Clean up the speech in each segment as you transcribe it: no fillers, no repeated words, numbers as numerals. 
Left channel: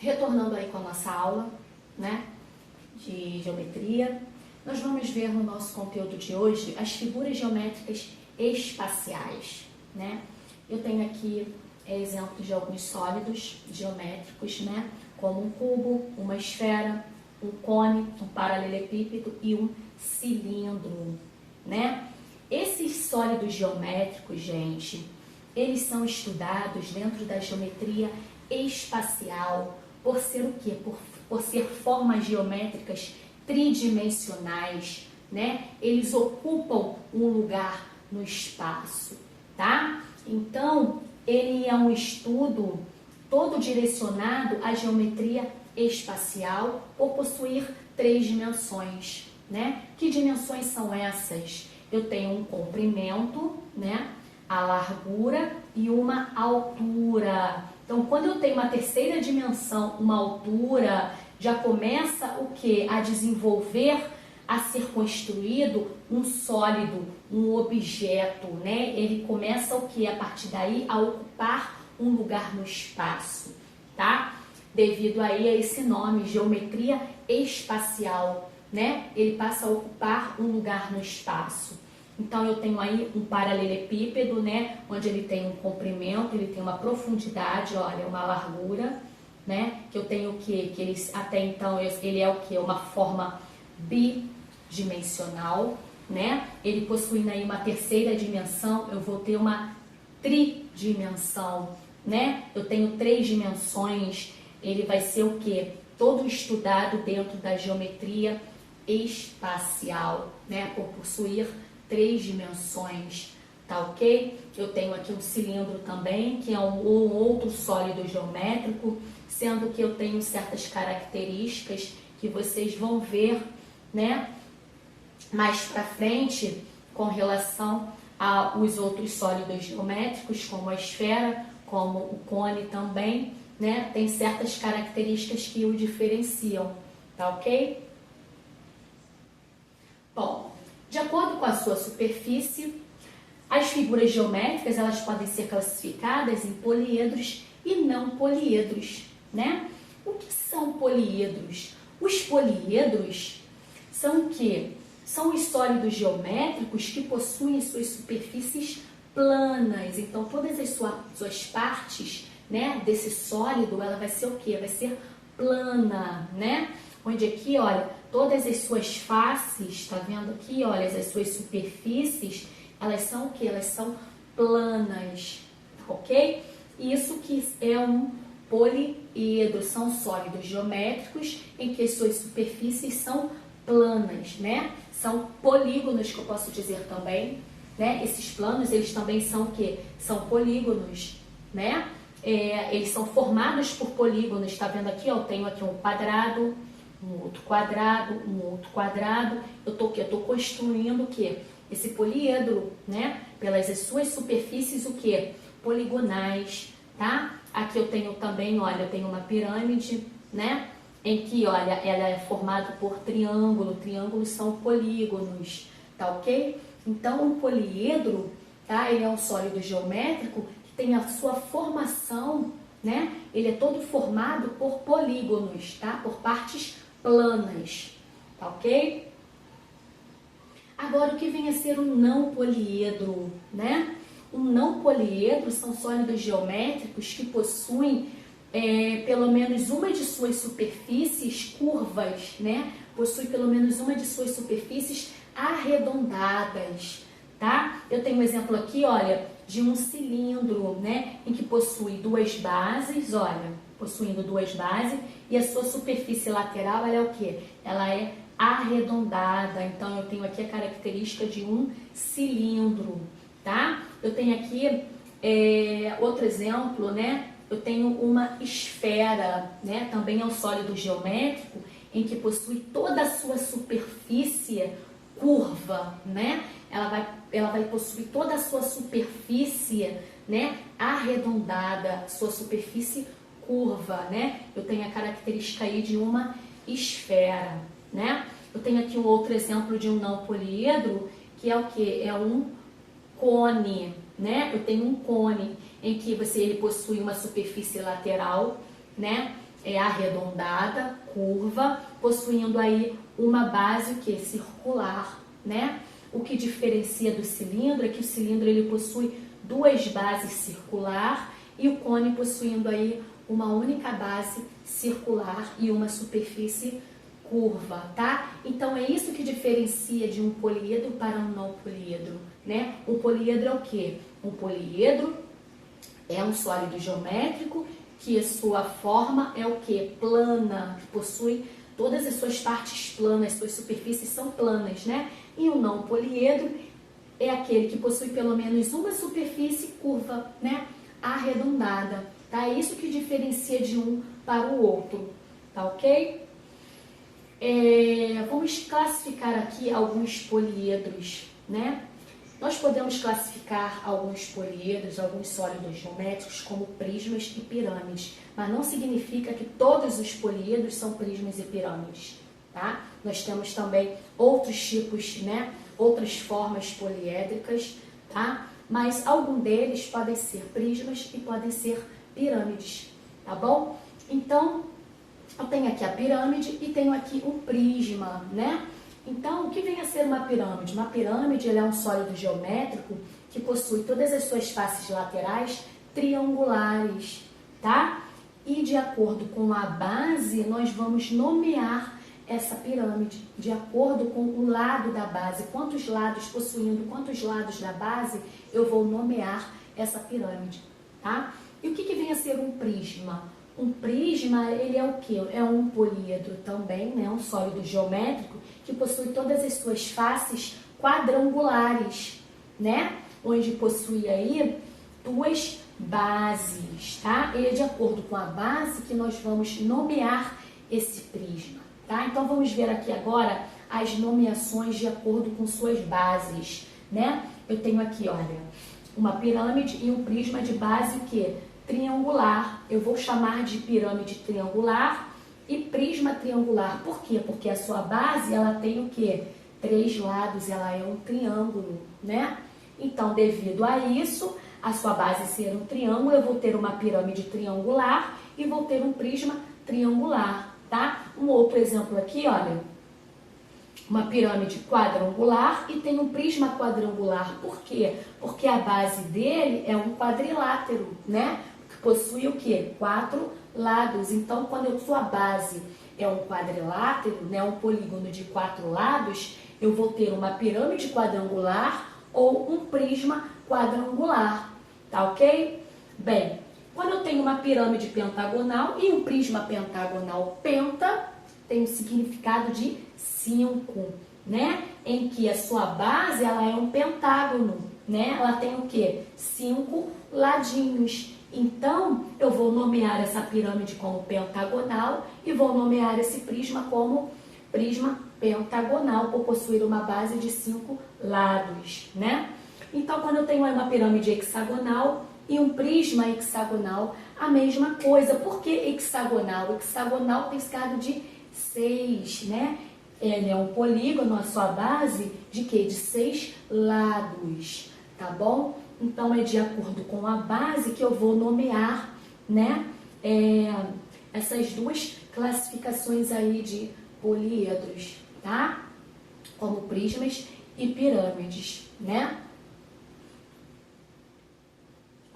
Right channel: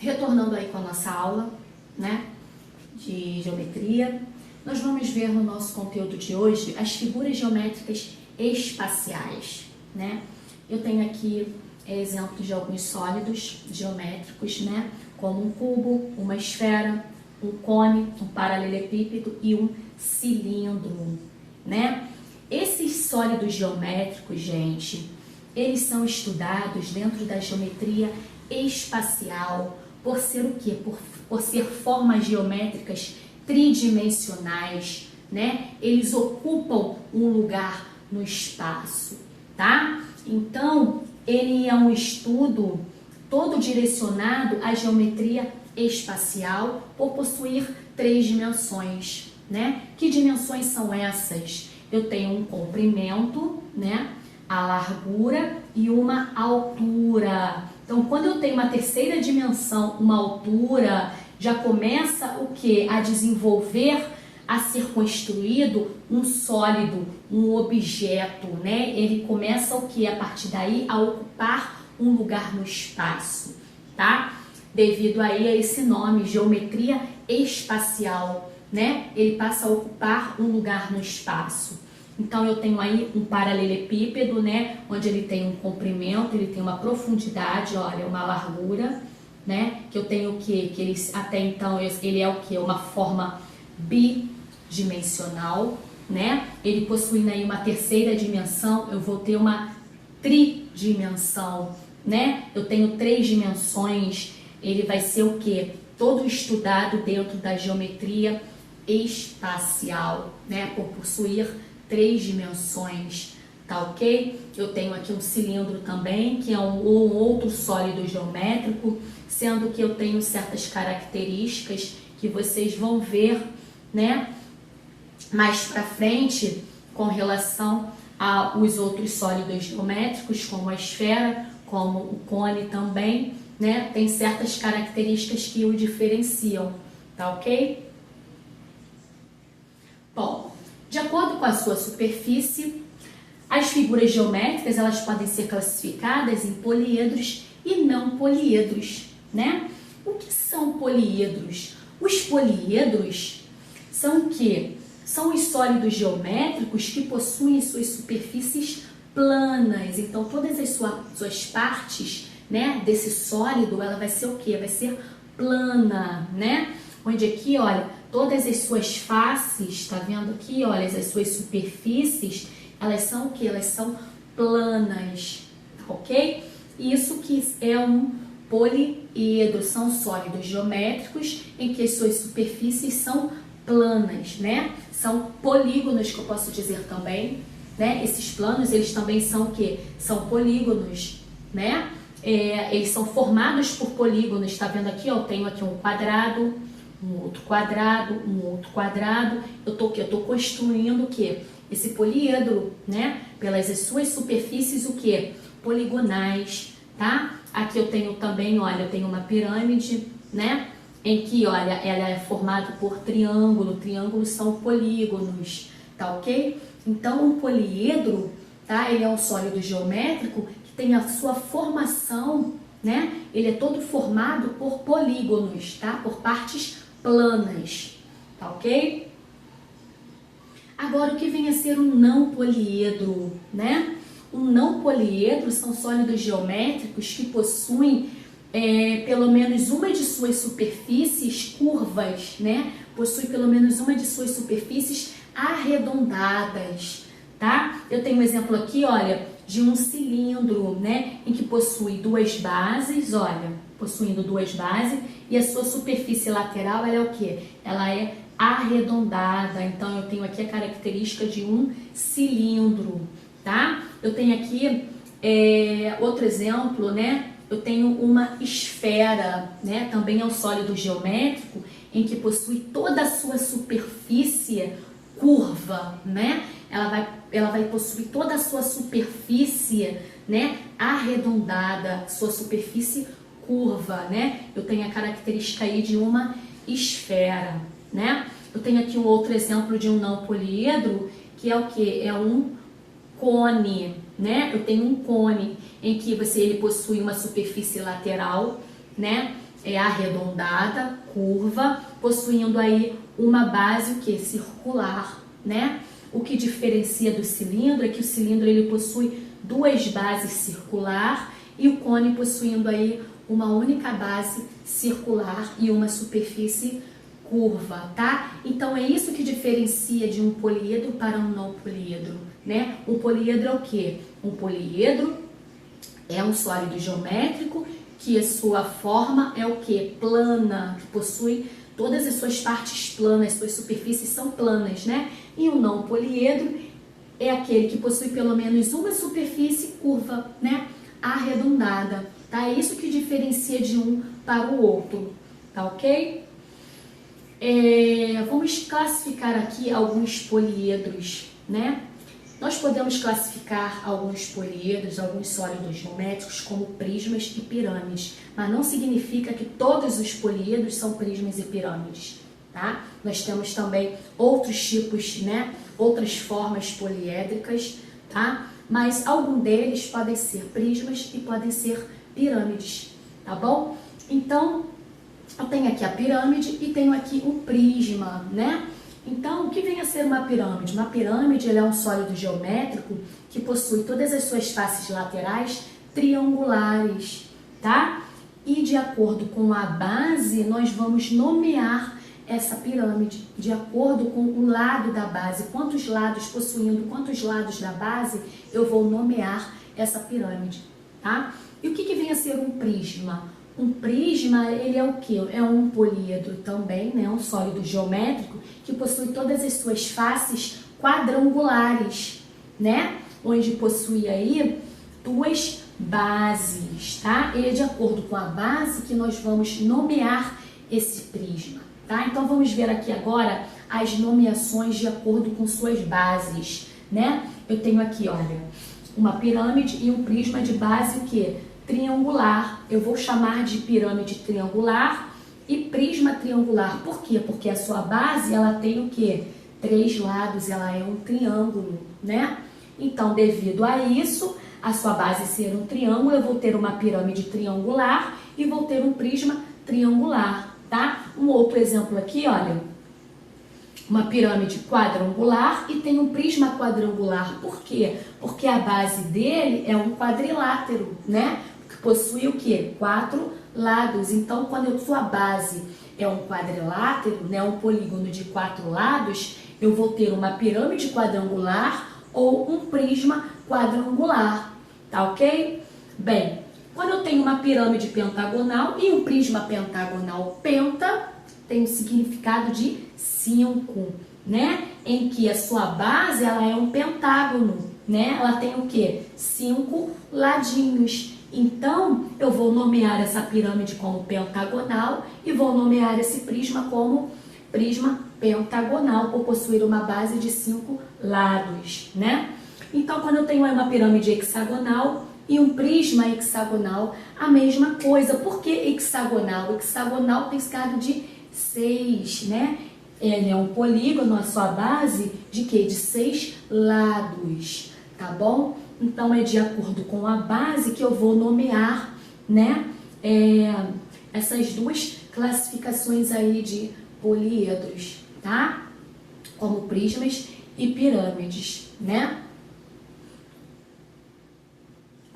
retornando aí com a nossa aula, né, de geometria, nós vamos ver no nosso conteúdo de hoje as figuras geométricas espaciais, né? Eu tenho aqui exemplos de alguns sólidos geométricos, né, como um cubo, uma esfera, um cone, um paralelepípedo e um cilindro, né? Esses sólidos geométricos, gente, eles são estudados dentro da geometria espacial por ser o quê? Por ser formas geométricas tridimensionais, né? Eles ocupam um lugar no espaço, tá? Então, ele é um estudo todo direcionado à geometria espacial por possuir 3 dimensões, né? Que dimensões são essas? Eu tenho um comprimento, né? A largura e uma altura. Então, quando eu tenho uma terceira dimensão, uma altura, já começa o que? A desenvolver, a ser construído um sólido, um objeto, né? Ele começa o que? A partir daí a ocupar um lugar no espaço, tá? Devido aí a esse nome, geometria espacial, né? Ele passa a ocupar um lugar no espaço. Então, eu tenho aí um paralelepípedo, né? Onde ele tem um comprimento, ele tem uma profundidade, olha, uma largura, né? Que eu tenho o quê? Que ele, até então, ele é o quê? Uma forma bidimensional, né? Ele possuindo aí uma terceira dimensão, eu vou ter uma tridimensão, né? Eu tenho 3 dimensões, ele vai ser o quê? Todo estudado dentro da geometria espacial, né? Por possuir 3 dimensões, tá ok? Eu tenho aqui um cilindro também, que é um outro sólido geométrico, sendo que eu tenho certas características que vocês vão ver, né, mais pra frente, com relação aos outros sólidos geométricos, como a esfera, como o cone também, né, tem certas características que o diferenciam, tá ok? Bom, de acordo com a sua superfície, as figuras geométricas elas podem ser classificadas em poliedros e não poliedros, né? O que são poliedros? Os poliedros são o quê? São os sólidos geométricos que possuem suas superfícies planas. Então, todas as suas partes, né, desse sólido, ela vai ser o quê? Vai ser plana, né? Onde aqui, olha, todas as suas faces, tá vendo aqui, olha, as suas superfícies, elas são o que? Elas são planas, ok? Isso que é um poliedro, são sólidos geométricos em que as suas superfícies são planas, né? São polígonos, que eu posso dizer também, né? Esses planos, eles também são o que? São polígonos, né? Eles são formados por polígonos, tá vendo aqui, ó? Eu tenho aqui um quadrado, um outro quadrado, um outro quadrado. Eu tô construindo o que? Esse poliedro, né? Pelas suas superfícies, o que? Poligonais, tá? Aqui eu tenho também, olha, eu tenho uma pirâmide, né? Em que, olha, ela é formada por triângulo. Triângulos são polígonos, tá ok? Então, um poliedro, tá? Ele é um sólido geométrico que tem a sua formação, né? Ele é todo formado por polígonos, tá? Por partes planas, tá ok? Agora, o que vem a ser um não poliedro, né? Um não poliedro são sólidos geométricos que possuem pelo menos uma de suas superfícies curvas, né? Possui pelo menos uma de suas superfícies arredondadas, tá? Eu tenho um exemplo aqui, olha, de um cilindro, né? Em que possui 2 bases, olha, possuindo 2 bases, e a sua superfície lateral, ela é o quê? Ela é arredondada. Então, eu tenho aqui a característica de um cilindro, tá? Eu tenho aqui outro exemplo, né? Eu tenho uma esfera, né? Também é um sólido geométrico em que possui toda a sua superfície curva, né? Ela vai possuir toda a sua superfície, né? Arredondada, sua superfície curva, né? Eu tenho a característica aí de uma esfera, né? Eu tenho aqui um outro exemplo de um não poliedro, que é o que? É um cone, né? Eu tenho um cone em que ele possui uma superfície lateral, né? é arredondada, curva, possuindo aí uma base o que? Circular, né? O que diferencia do cilindro é que o cilindro ele possui duas bases circular e o cone possuindo aí uma única base circular e uma superfície curva, tá? Então é isso que diferencia de um poliedro para um não poliedro, né? O poliedro é o quê? Um poliedro é um sólido geométrico que a sua forma é o quê? Plana, que possui todas as suas partes planas, suas superfícies são planas, né? E o não poliedro é aquele que possui pelo menos uma superfície curva, né? Arredondada, tá? É isso que diferencia de um para o outro, tá ok? Vamos classificar aqui alguns poliedros, né? Nós podemos classificar alguns poliedros, alguns sólidos geométricos como prismas e pirâmides, mas não significa que todos os poliedros são prismas e pirâmides, tá? Nós temos também outros tipos, né? Outras formas poliédricas, tá? Mas algum deles podem ser prismas e podem ser pirâmides, tá bom? Então, eu tenho aqui a pirâmide e tenho aqui um prisma, né? Então, o que vem a ser uma pirâmide? Uma pirâmide é um sólido geométrico que possui todas as suas faces laterais triangulares, tá? E de acordo com a base, nós vamos nomear essa pirâmide, de acordo com o lado da base. Quantos lados possuindo, quantos lados da base, eu vou nomear essa pirâmide, tá? E o que vem a ser um prisma? Um prisma, ele é o quê? É um poliedro também, né? Um sólido geométrico que possui todas as suas faces quadrangulares, né? Onde possui aí duas bases, tá? E é de acordo com a base que nós vamos nomear esse prisma, tá? Então vamos ver aqui agora as nomeações de acordo com suas bases, né? Eu tenho aqui, olha, uma pirâmide e um prisma de base o quê? Triangular. Eu vou chamar de pirâmide triangular e prisma triangular. Por quê? Porque a sua base, ela tem o quê? 3 lados, ela é um triângulo, né? Então, devido a isso, a sua base ser um triângulo, eu vou ter uma pirâmide triangular e vou ter um prisma triangular, tá? Um outro exemplo aqui, olha, uma pirâmide quadrangular e tem um prisma quadrangular. Por quê? Porque a base dele é um quadrilátero, né? Que possui o quê? 4 lados. Então, quando a sua base é um quadrilátero, né? Um polígono de 4 lados, eu vou ter uma pirâmide quadrangular ou um prisma quadrangular, tá ok? Bem, quando eu tenho uma pirâmide pentagonal e um prisma pentagonal penta, tem o significado de 5, né? Em que a sua base, ela é um pentágono, né? Ela tem o quê? 5 ladinhos. Então, eu vou nomear essa pirâmide como pentagonal e vou nomear esse prisma como prisma pentagonal, por possuir uma base de 5 lados, né? Então, quando eu tenho uma pirâmide hexagonal e um prisma hexagonal, a mesma coisa. Por que hexagonal? Hexagonal tem significado de 6, né? Ele é um polígono, a sua base, de quê? De 6 lados, tá bom? Então, é de acordo com a base que eu vou nomear, né? Essas duas classificações aí de poliedros, tá? Como prismas e pirâmides, né?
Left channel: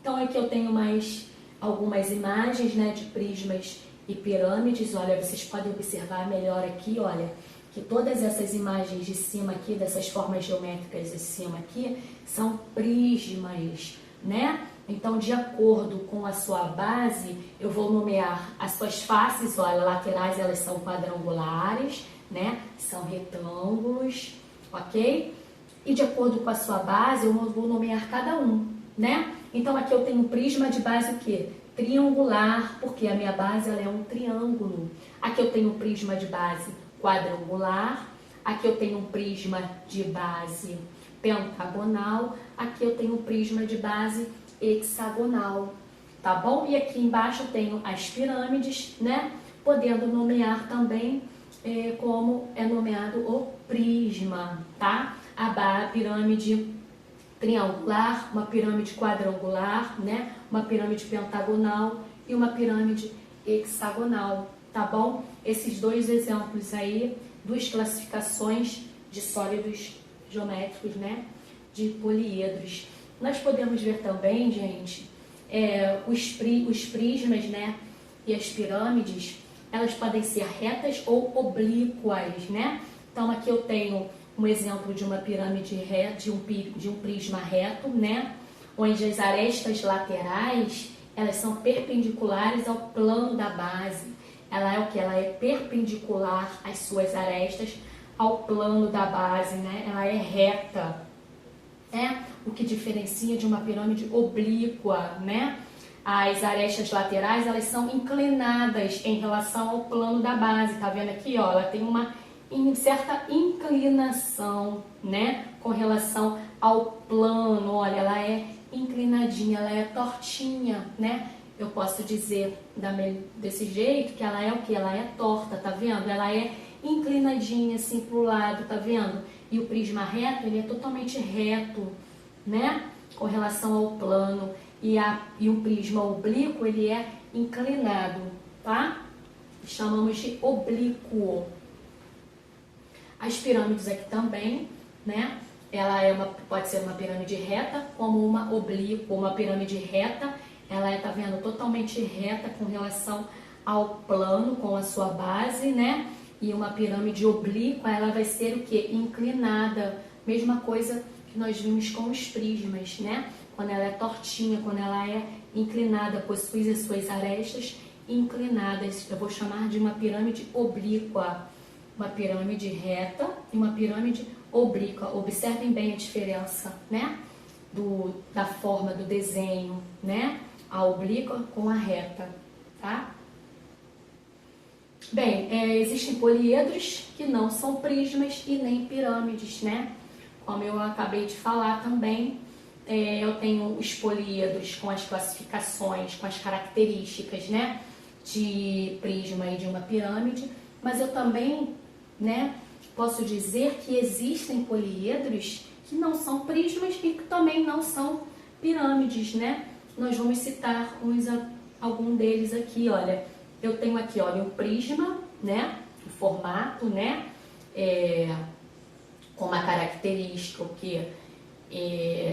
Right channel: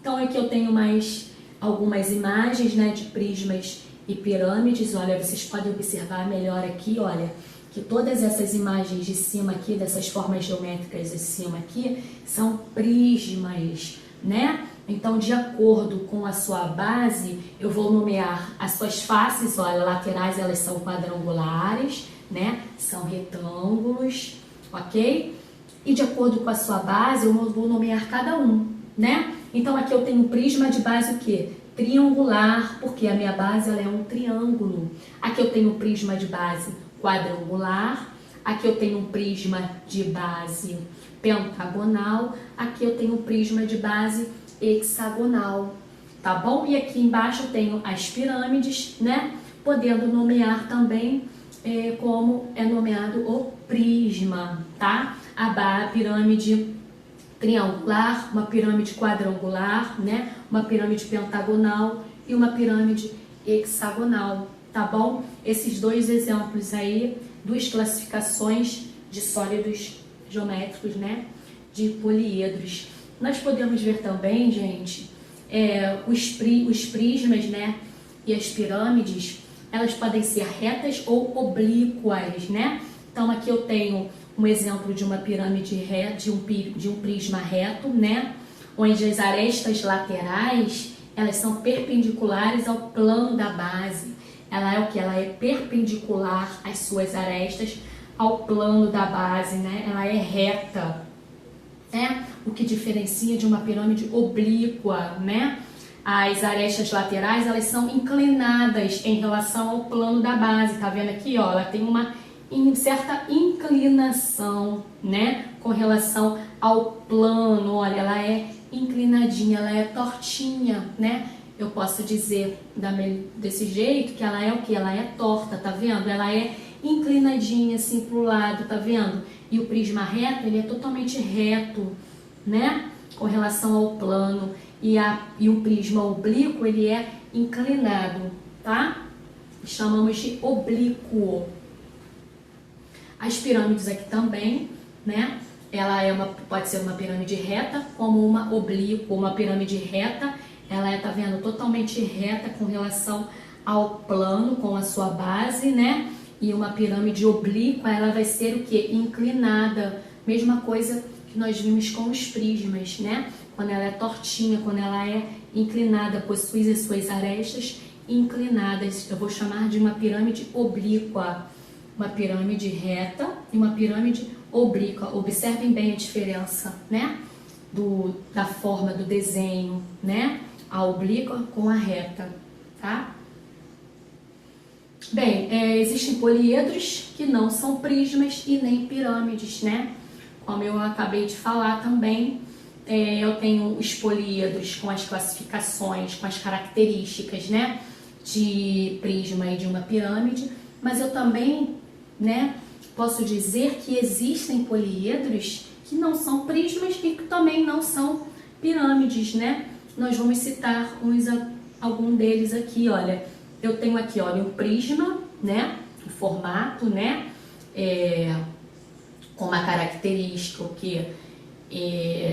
Então, aqui eu tenho mais algumas imagens, né, de prismas e pirâmides. Olha, vocês podem observar melhor aqui, olha, que todas essas imagens de cima aqui, dessas formas geométricas de cima aqui, são prismas, né? Então, de acordo com a sua base, eu vou nomear as suas faces, olha, laterais, elas são quadrangulares, né? São retângulos, ok? E de acordo com a sua base, eu vou nomear cada um, né? Então, aqui eu tenho um prisma de base o quê? Triangular, porque a minha base ela é um triângulo. Aqui eu tenho um prisma de base quadrangular. Aqui eu tenho um prisma de base pentagonal. Aqui eu tenho um prisma de base hexagonal, tá bom? E aqui embaixo eu tenho as pirâmides, né? Podendo nomear também como é nomeado o prisma, tá? A pirâmide triangular, uma pirâmide quadrangular, né? Uma pirâmide pentagonal e uma pirâmide hexagonal, tá bom? Esses dois exemplos aí, duas classificações de sólidos geométricos, né? De poliedros. Nós podemos ver também, gente, os prismas, né? E as pirâmides, elas podem ser retas ou oblíquas, né? Então aqui eu tenho um exemplo de uma pirâmide reta, de um prisma reto, né? Onde as arestas laterais, elas são perpendiculares ao plano da base. Ela é o que? Ela é perpendicular às suas arestas ao plano da base, né? Ela é reta, né? O que diferencia de uma pirâmide oblíqua, né? As arestas laterais, elas são inclinadas em relação ao plano da base, tá vendo aqui, ó? Ela tem uma certa inclinação, né? Com relação ao plano, olha, ela é inclinadinha, ela é tortinha, né? Eu posso dizer desse jeito que ela é o que? Ela é torta, tá vendo? Ela é inclinadinha assim pro lado, tá vendo? E o prisma reto, ele é totalmente reto, né? Com relação ao plano. E o prisma oblíquo, ele é inclinado, tá? Chamamos de oblíquo. As pirâmides aqui também, né? Pode ser uma pirâmide reta, como uma oblíqua. Uma pirâmide reta, ela é, tá vendo, totalmente reta com relação ao plano, com a sua base, né? E uma pirâmide oblíqua, ela vai ser o quê? Inclinada. Mesma coisa que nós vimos com os prismas, né? Quando ela é tortinha, quando ela é inclinada, possui as suas arestas inclinadas. Eu vou chamar de uma pirâmide oblíqua. Uma pirâmide reta e uma pirâmide oblíqua. Observem bem a diferença, né? Da forma do desenho, né? A oblíqua com a reta, tá? Bem, existem poliedros que não são prismas e nem pirâmides, né? Como eu acabei de falar também, eu tenho os poliedros com as classificações, com as características, né? De prisma e de uma pirâmide, mas eu também, né, posso dizer que existem poliedros que não são prismas e que também não são pirâmides, né? Nós vamos citar algum deles aqui, olha. Eu tenho aqui, olha, um prisma, né? O formato, né? Com uma característica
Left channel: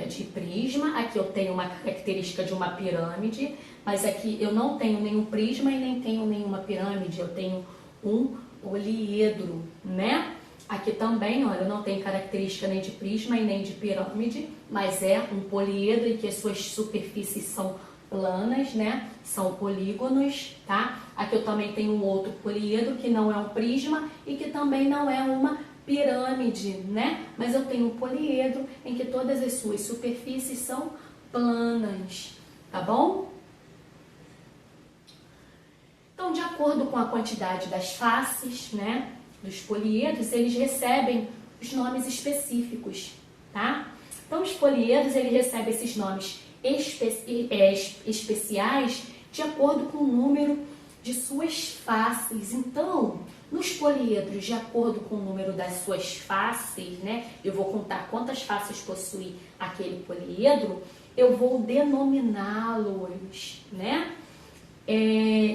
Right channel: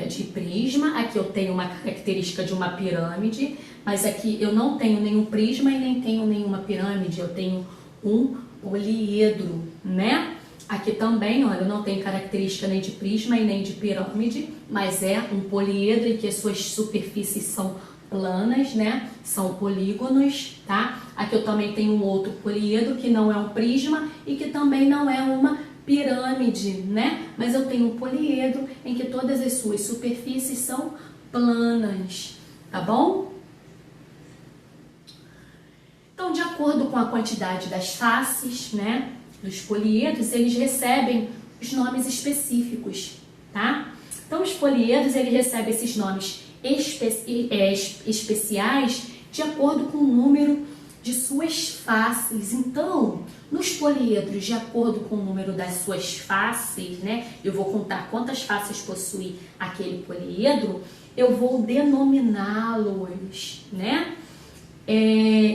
de prisma. Aqui eu tenho uma característica de uma pirâmide, mas aqui eu não tenho nenhum prisma e nem tenho nenhuma pirâmide. Eu tenho um poliedro, né? Aqui também, olha, eu não tenho característica nem de prisma e nem de pirâmide, mas é um poliedro em que as suas superfícies são planas, né? São polígonos, tá? Aqui eu também tenho um outro poliedro que não é um prisma e que também não é uma pirâmide, né? Mas eu tenho um poliedro em que todas as suas superfícies são planas, tá bom? Então, de acordo com a quantidade das faces, né, dos poliedros, eles recebem os nomes específicos, tá? Então, os poliedros, eles recebem esses nomes especiais de acordo com o número de suas faces. Então, nos poliedros, de acordo com o número das suas faces, né, eu vou contar quantas faces possui aquele poliedro, eu vou denominá-los, né?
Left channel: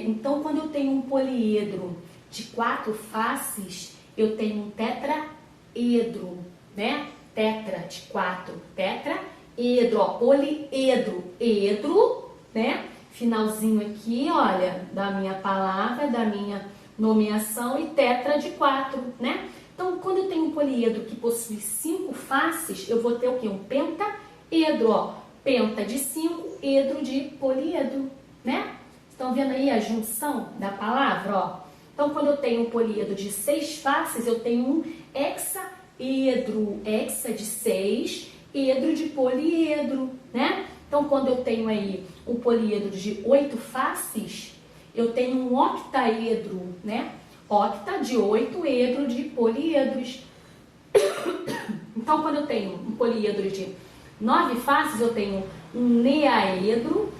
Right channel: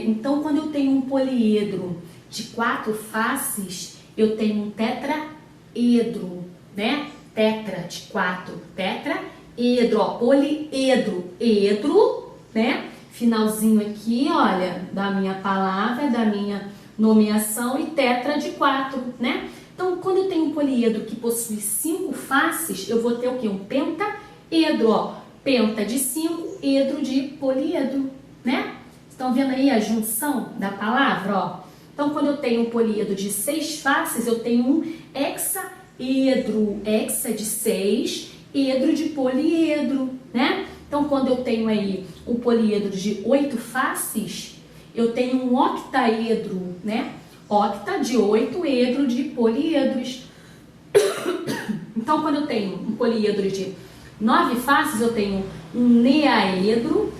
Então, quando eu tenho um poliedro de 4 faces, eu tenho um tetraedro, né? Tetra de 4, tetraedro, ó, poliedro, edro, né? Finalzinho aqui, olha, da minha palavra, da minha nomeação, e tetra de 4, né? Então, quando eu tenho um poliedro que possui 5 faces, eu vou ter o quê? Um pentaedro, ó. Penta de 5, edro de poliedro, né? Estão vendo aí a junção da palavra, ó? Então, quando eu tenho um poliedro de 6 faces, eu tenho um hexaedro. Hexa de 6, edro de poliedro, né? Então, quando eu tenho aí um poliedro de 8 faces, eu tenho um octaedro, né? Octa de 8, edro de poliedros. Então, quando eu tenho um poliedro de 9 faces, eu tenho um neaedro.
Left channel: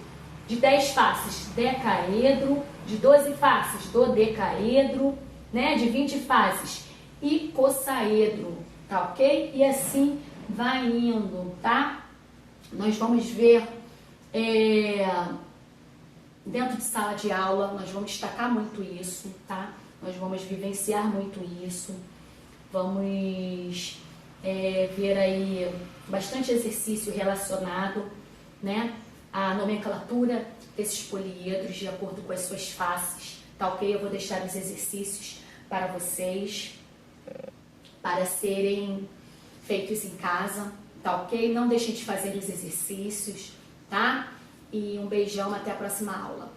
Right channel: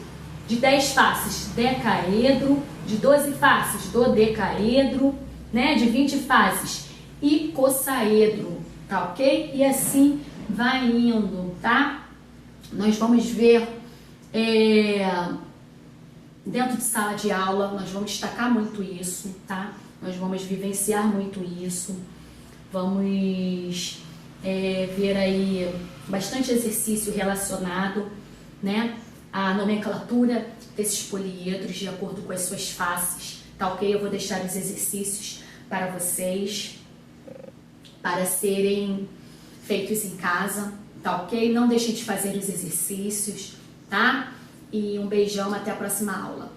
De 10 faces, decaedro. De 12 faces, dodecaedro, né? De 20 faces, icosaedro, tá ok? E assim vai indo, tá? Nós vamos ver Dentro de sala de aula, nós vamos destacar muito isso, tá? Nós vamos vivenciar muito isso. Vamos ver aí bastante exercício relacionado, né, à nomenclatura desses poliedros de acordo com as suas faces, tá ok? Eu vou deixar os exercícios para vocês, para serem feitos em casa, tá ok? Não deixem de fazer os exercícios, tá? E um beijão, até a próxima aula.